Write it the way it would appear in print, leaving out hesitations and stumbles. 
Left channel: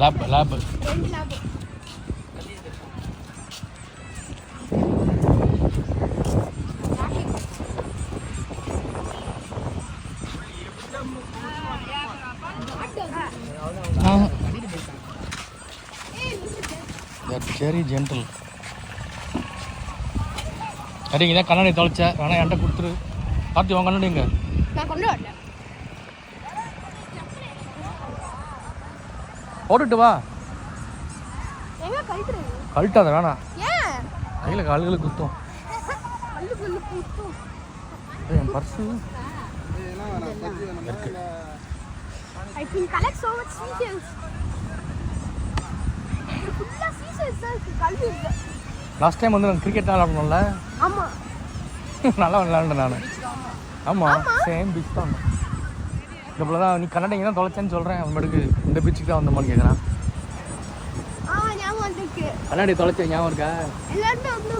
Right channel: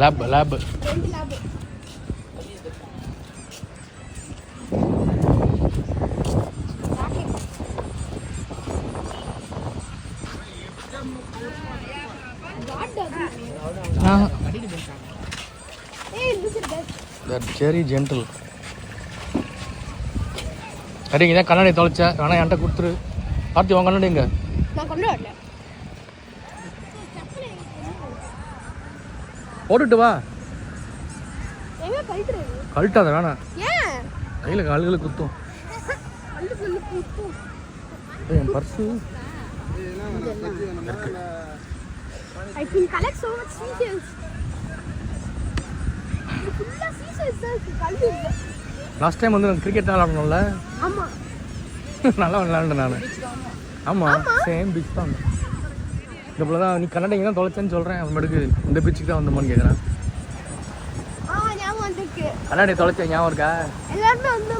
Lab lab 2 lab. Very gentle. சரிங்க, இதான் கண்ணாடி தொலைச்ச ஆனால் என்கிட்ட கொடுத்துரு. கார்த்தி உன் கண்ணாடிங்க. நான் கொண்டு வரல. போட்டுட்டு வா. எங்க கழட்டுறது? கழட்டாத வேணாம். ஏன்? கையில் கால்களுக்கு குத்தும். கல்லுக்குள்ள குத்தும். என் purse. I can collect so much seashells. ஃபுல்லா seashells தான் இருக்கு, கல்லு இல்ல. லாஸ்ட் டைம் வந்து கிரிக்கெட் விளையாடணும்ல. ஆமா. நல்லா விளையாண்டேன் நான். ஆமாம், சேம் பீச் தான். இதுபோல தான் நீ கன்னடிங்க தான் தொலைச்சேன்னு சொல்கிறேன். அதுமாட்டுக்கு இந்த பீச்சுக்கு தான் வந்தோமான்னு கேட்குறான். ஞாபகம் வந்துருக்கு. கண்ணாடி தொலைச்சேன் ஞாபகம் இருக்கா? எல்லாருமே வந்து